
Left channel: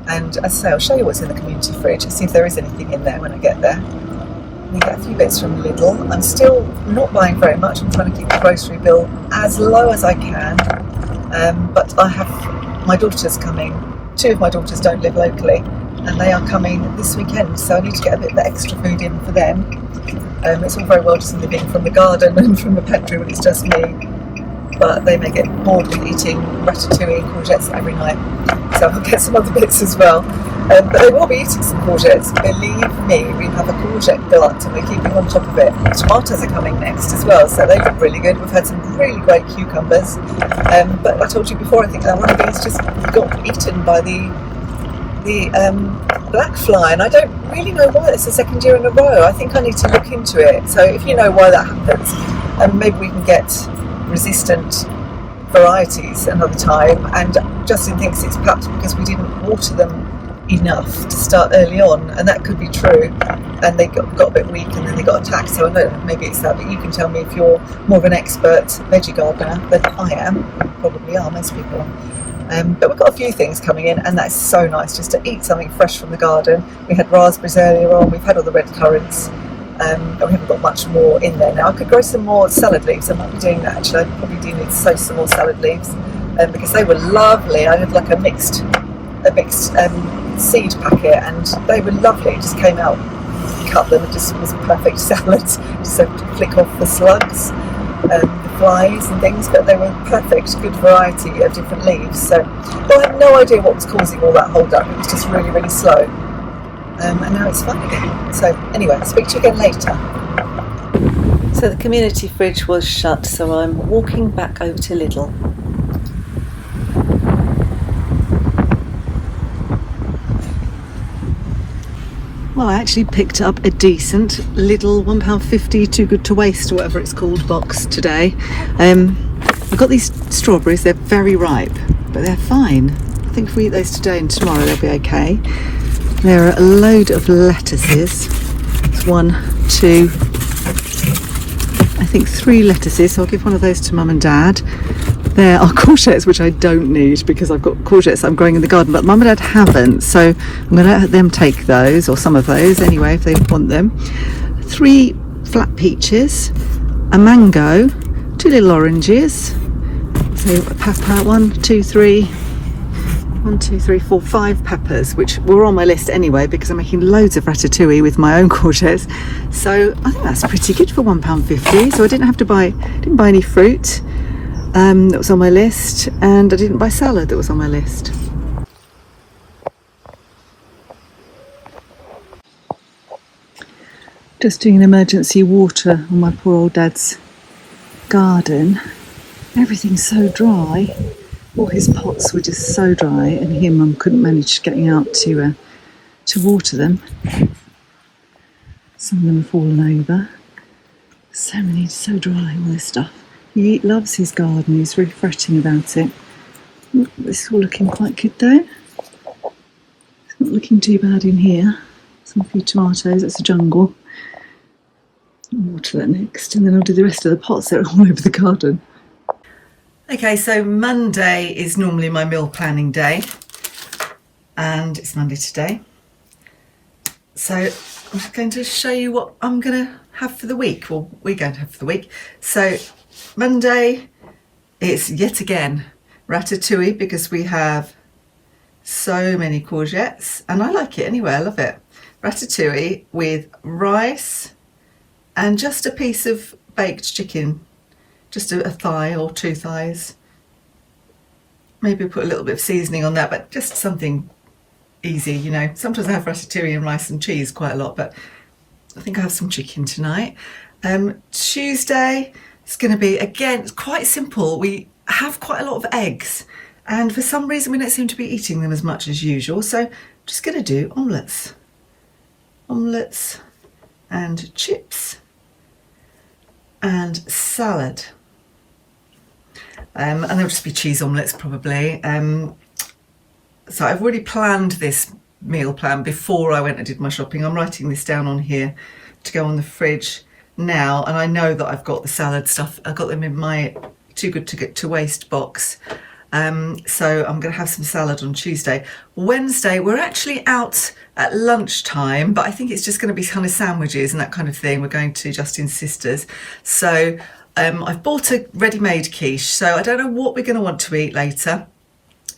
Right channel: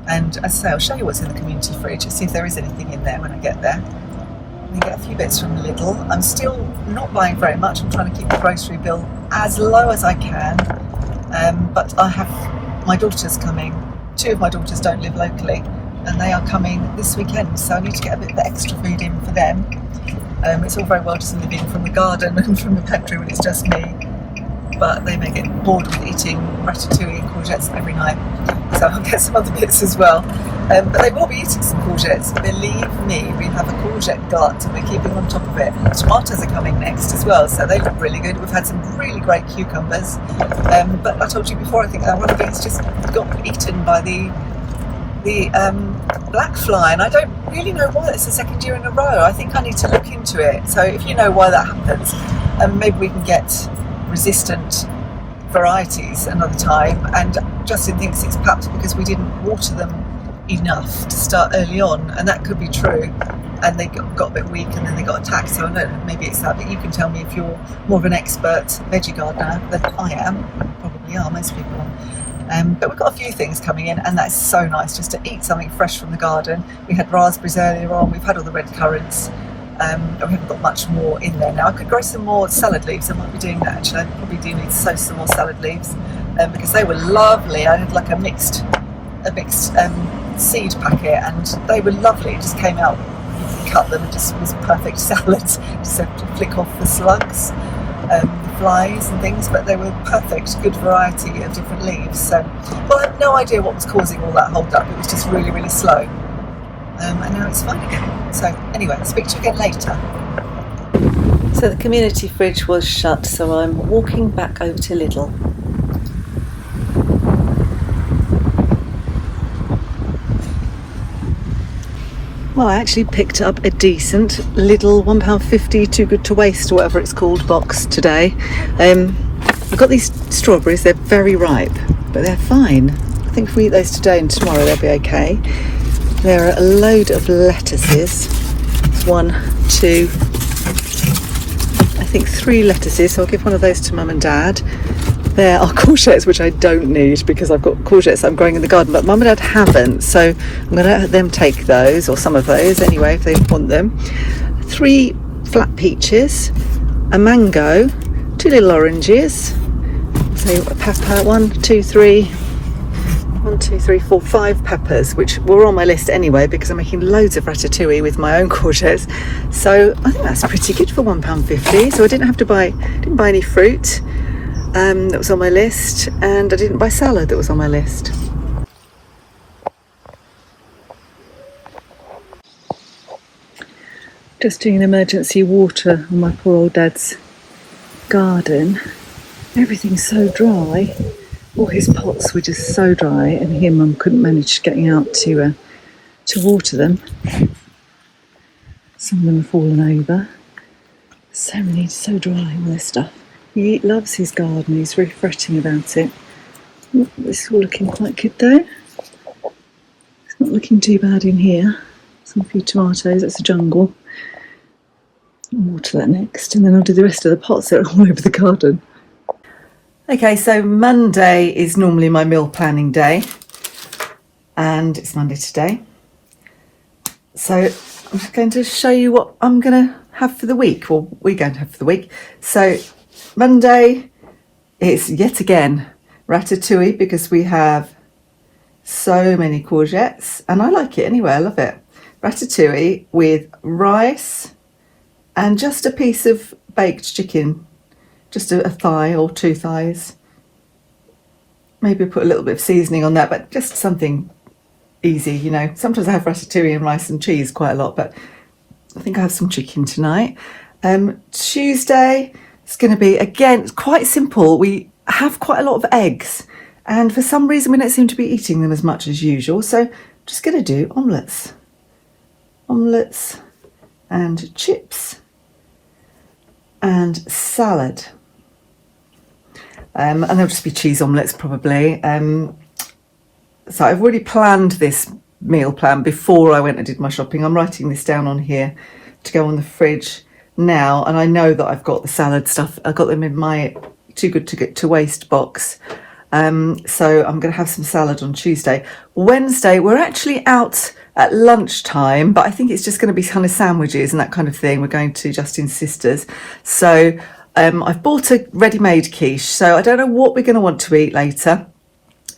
And as I say, I'll show you what's in the community fridge and see if there is anything in there when I get there. We get a few bits from Lidl. I'm still not buying very much. I'm trying to keep the grocery bill as low as I can. But I have my daughters coming. 2 of my daughters don't live locally, and they are coming this weekend, so I need to get a bit of extra food in for them. It's all very well just living from the garden and from the pantry when it's just me, but they may get bored with eating ratatouille and courgettes every night, so I'll get some other bits as well. But they will be eating some courgettes. Believe me, we have a courgette glut and we're keeping on top of it. Tomatoes are coming next as well, so they look really good. We've had some really great cucumbers, but I told you before, I think one of these just got eaten by the black fly, and I don't really know why. It's the 2nd year in a row. I think I need to look into it. So if you know why that happens, maybe we can get resistant varieties another time. And Justin thinks it's perhaps because we didn't water them enough to start early on, and that could be true, and they got a bit weak and then they got attacked. So I don't know, maybe it's that, but you can tell me if you're more of an expert veggie gardener than I am. You probably are, most people are. But we've got a few things coming in, and that's so nice just to eat something fresh from the garden. We had raspberries earlier on, we've had all the red currants, and we haven't got much more in there now. I could grow some more salad leaves. I might be doing that actually. I probably do need to sow some more salad leaves, because they were lovely. I had like a mixed seed packet, and they were lovely. It just came out, cut them, it just was perfect salads. Just had to flick off the slugs, the flies and things, but they were perfect, good variety of different leaves. So, well, I have no idea what was causing all that hold up. It was just really, really slow. And now it's fine again. So anyway, I'll speak to you again later. So the community fridge was shut, so I'm walking back over to Lidl. Well, I actually picked up a decent Lidl £1.50 too good to waste, or whatever it's called, box today. I've got these strawberries. They're very ripe, but they're fine. I think if we eat those today and tomorrow they'll be okay. There are a load of lettuces. It's 1, 2, I think 3 lettuces, so I'll give one of those to Mum and Dad. There are courgettes, which I don't need because I've got courgettes I'm growing in the garden, but Mum and Dad haven't, so I'm going to let them take those, or some of those anyway, if they want them. 3 flat peaches, a mango, 2 little oranges, so a pepper, 1, 2, 3, 1, 2, 3, 4, 5 peppers, which were on my list anyway because I'm making loads of ratatouille with my own courgettes. So I think that's pretty good for £1.50. So I didn't buy any fruit that was on my list, and I didn't buy salad that was on my list. Just doing an emergency water on my poor old dad's garden. Everything's so dry. All his pots were just so dry, and he and Mum couldn't manage getting out to water them. Some of them have fallen over. So dry, all this stuff. He loves his garden. He's very fretting about it. This is all looking quite good though. It's not looking too bad in here. Some few tomatoes. That's a jungle. I'll water that next, and then I'll do the rest of the pots that are all over the garden. Okay, so Monday is normally my meal planning day, and it's Monday today. So I'm just going to show you what I'm going to have for the week, or we're going to have for the week. So Monday is yet again ratatouille, because we have so many courgettes, and I like it anyway, I love it. Ratatouille with rice and just a piece of baked chicken. Just a thigh or 2 thighs. Maybe put a little bit of seasoning on that, but just something easy, you know. Sometimes I have ratatouille and rice and cheese quite a lot, but I think I have some chicken tonight. Tuesday, it's going to be, again, quite simple. We have quite a lot of eggs, and for some reason we don't seem to be eating them as much as usual, so I'm just going to do omelettes. omelettes and chips and salad. And there'll just be cheese omelettes probably. So I've already planned this meal plan before I went and did my shopping. I'm writing this down on here to go on the fridge now, and I know that I've got the salad stuff. I've got them in my too good to get to waste box. So I'm going to have some salad on Tuesday. Wednesday, we're actually out at lunchtime, but I think it's just going to be kind of sandwiches and that kind of thing. We're going to Justin's sister's. So I've bought a ready-made quiche. So I don't know what we're going to want to eat later,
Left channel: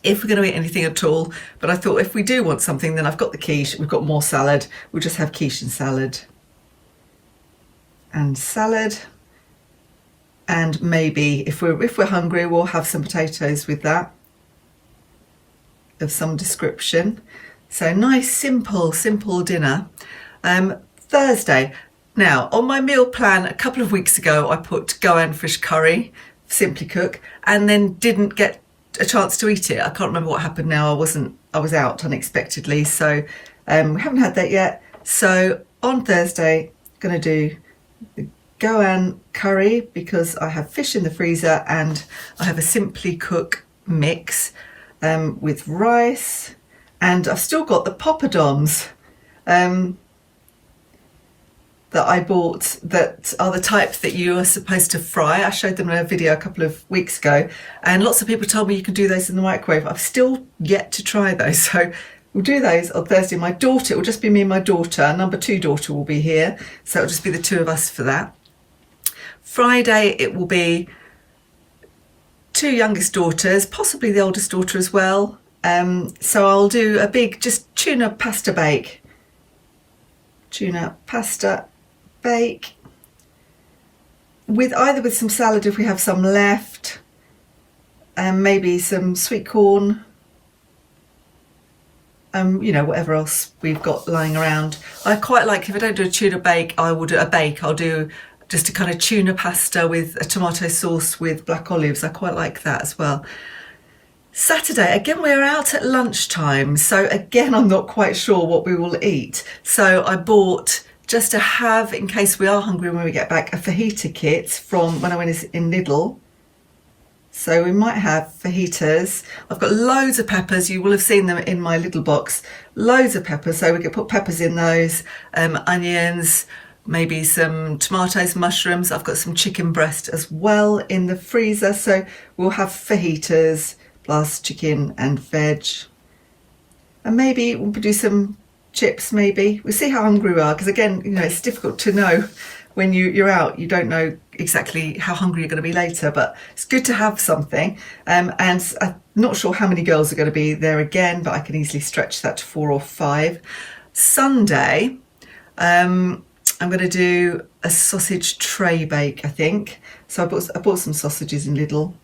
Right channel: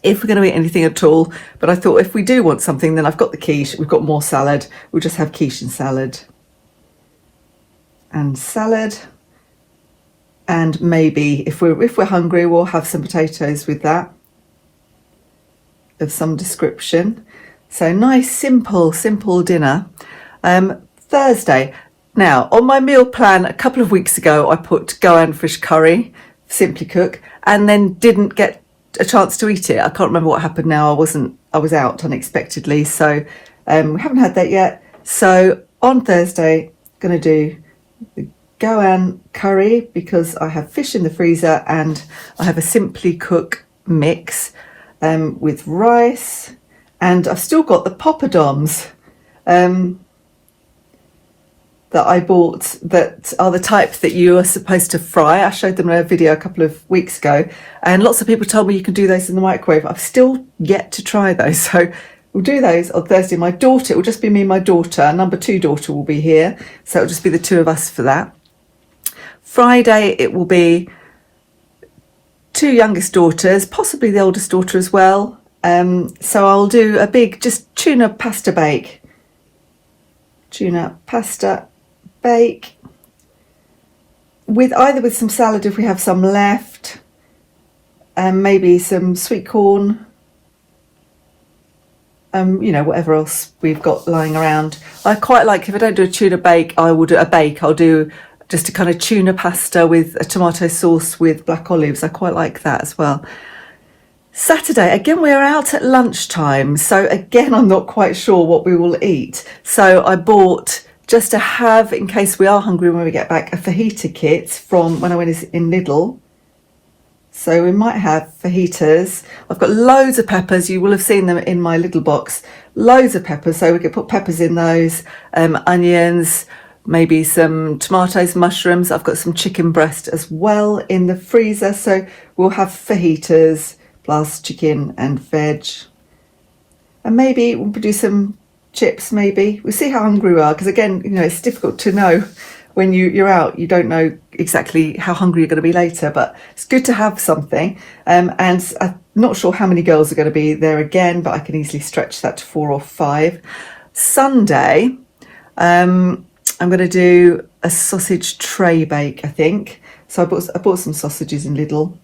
if we're going to eat anything at all. But I thought if we do want something, then I've got the quiche. We've got more salad. We'll just have quiche and salad. And salad. And maybe if we're hungry, we'll have some potatoes with that of some description. So nice, simple dinner. Thursday. Now, on my meal plan a couple of weeks ago, I put goan fish curry, Simply Cook, and then didn't get a chance to eat it. I can't remember what happened now. I was out unexpectedly, so we haven't had that yet. So on Thursday, going to do the goan curry because I have fish in the freezer, and I have a Simply Cook mix with rice, and I've still got the poppadoms that I bought that are the type that you are supposed to fry. I showed them in a video a couple of weeks ago, and lots of people told me you can do those in the microwave. I've still yet to try those, so we'll do those on Thursday. My daughter, it will just be me and my daughter. Number 2 daughter will be here, so it'll just be the 2 of us for that. Friday, it will be 2 youngest daughters, possibly the oldest daughter as well. So I'll do a big, just tuna pasta bake. Tuna pasta bake with some salad if we have some left, and maybe some sweet corn, whatever else we've got lying around. I quite like, if I don't do a tuna bake, I will do a bake. I'll do just a kind of tuna pasta with a tomato sauce with black olives. I quite like that as well. Saturday, again, we're out at lunchtime, so again, I'm not quite sure what we will eat. So I bought, just to have in case we are hungry when we get back, a fajita kit from when I went in Lidl. So we might have fajitas. I've got loads of peppers. You will have seen them in my little box. Loads of peppers, so we could put peppers in those, onions, maybe some tomatoes, mushrooms. I've got some chicken breast as well in the freezer, so we'll have fajitas plus chicken and veg, and maybe we'll do some chips. Maybe we'll see how hungry we are, because again, it's difficult to know when you're out. You don't know exactly how hungry you're going to be later, but it's good to have something. And I'm not sure how many girls are going to be there again, but I can easily stretch that to 4 or 5. Sunday, I'm going to do a sausage tray bake, I think. So I bought some sausages in Lidl.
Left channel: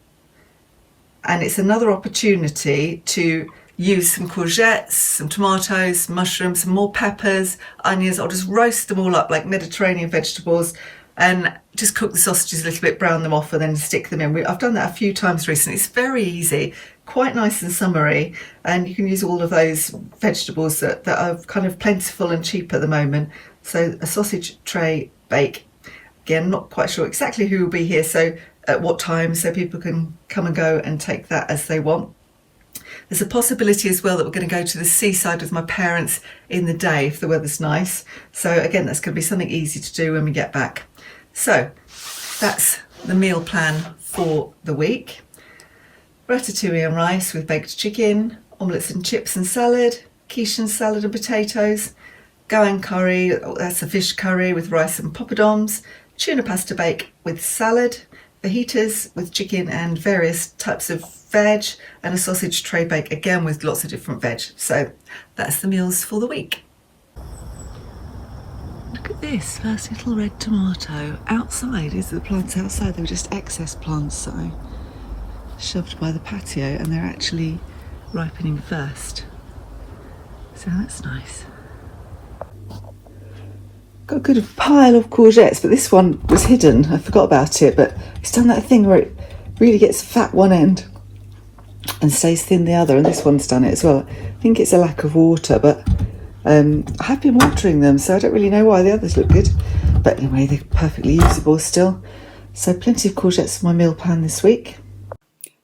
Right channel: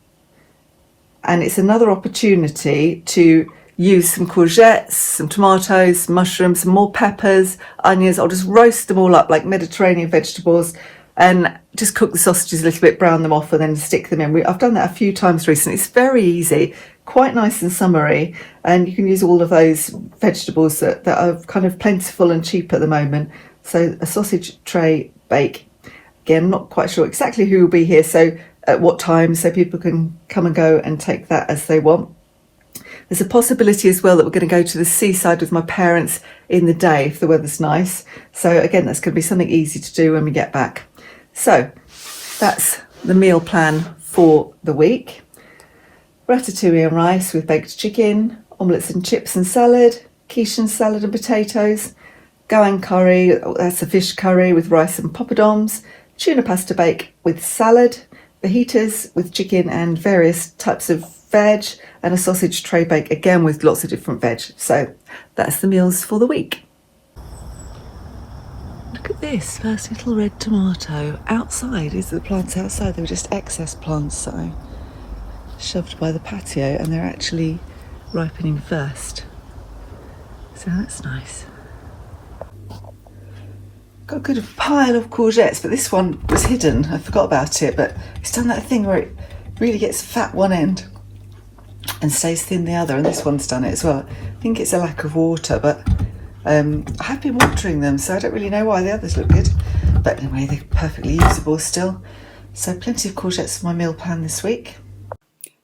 And it's another opportunity to use some courgettes, some tomatoes, mushrooms, some more peppers, onions. I'll just roast them all up like Mediterranean vegetables, and just cook the sausages a little bit, brown them off, and then stick them in. I've done that a few times recently. It's very easy, quite nice and summery, and you can use all of those vegetables that are kind of plentiful and cheap at the moment. So a sausage tray bake. Again, not quite sure exactly who will be here, so at what time, so people can come and go and take that as they want. There's a possibility as well that we're going to go to the seaside with my parents in the day if the weather's nice. So again, that's going to be something easy to do when we get back. So that's the meal plan for the week. Ratatouille and rice with baked chicken, omelettes and chips and salad, quiche and salad and potatoes, goan curry, that's a fish curry with rice and poppadoms, tuna pasta bake with salad, fajitas with chicken and various types of veg, and a sausage tray bake again with lots of different veg. So that's the meals for the week. Look at this first little red tomato outside. These are the plants outside. They were just excess plants that I shoved by the patio, and they're actually ripening first. So that's nice. Got a good pile of courgettes, but this one was hidden. I forgot about it, but it's done that thing where it really gets fat one end and stays thin the other, and this one's done it as well. I think it's a lack of water, but I have been watering them, so I don't really know why the others look good. But anyway, they're perfectly usable still. So plenty of courgettes for my meal plan this week.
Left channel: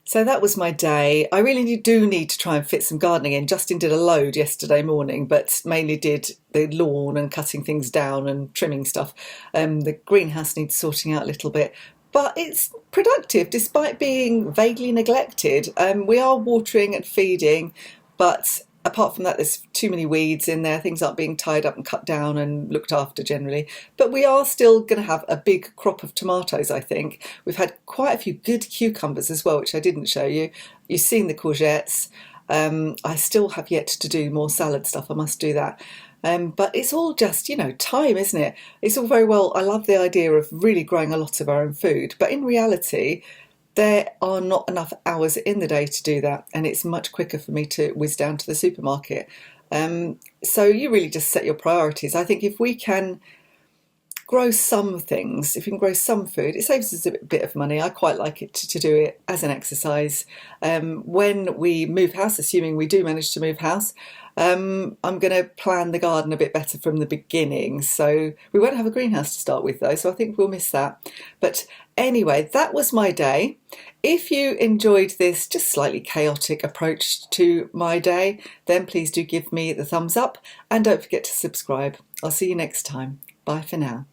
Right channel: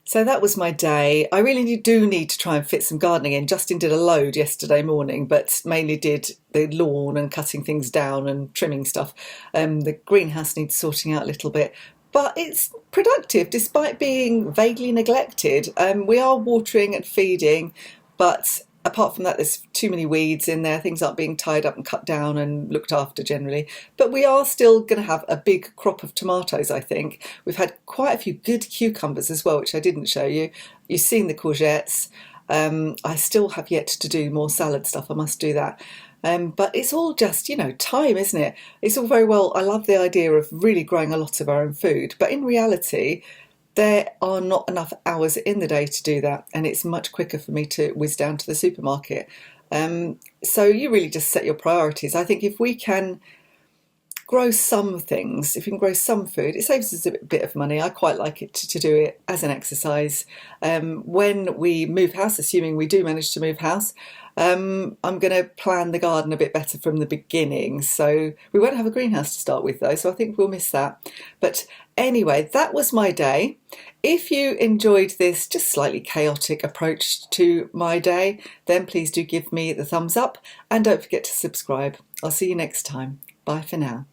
So that was my day. I really do need to try and fit some gardening in. Justin did a load yesterday morning, but mainly did the lawn and cutting things down and trimming stuff. The greenhouse needs sorting out a little bit. But it's productive despite being vaguely neglected. We are watering and feeding, but apart from that, there's too many weeds in there. Things aren't being tied up and cut down and looked after generally. But we are still going to have a big crop of tomatoes, I think. We've had quite a few good cucumbers as well, which I didn't show you. You've seen the courgettes. I still have yet to do more salad stuff. I must do that. But it's all just, time, isn't it? It's all very well. I love the idea of really growing a lot of our own food. But in reality, there are not enough hours in the day to do that, and it's much quicker for me to whiz down to the supermarket. So you really just set your priorities. I think if we can grow some things, if you can grow some food, it saves us a bit of money. I quite like it to do it as an exercise. When we move house, assuming we do manage to move house, I'm going to plan the garden a bit better from the beginning. So we won't have a greenhouse to start with though, so I think we'll miss that. But anyway, that was my day. If you enjoyed this just slightly chaotic approach to my day, then please do give me the thumbs up and don't forget to subscribe. I'll see you next time. Bye for now.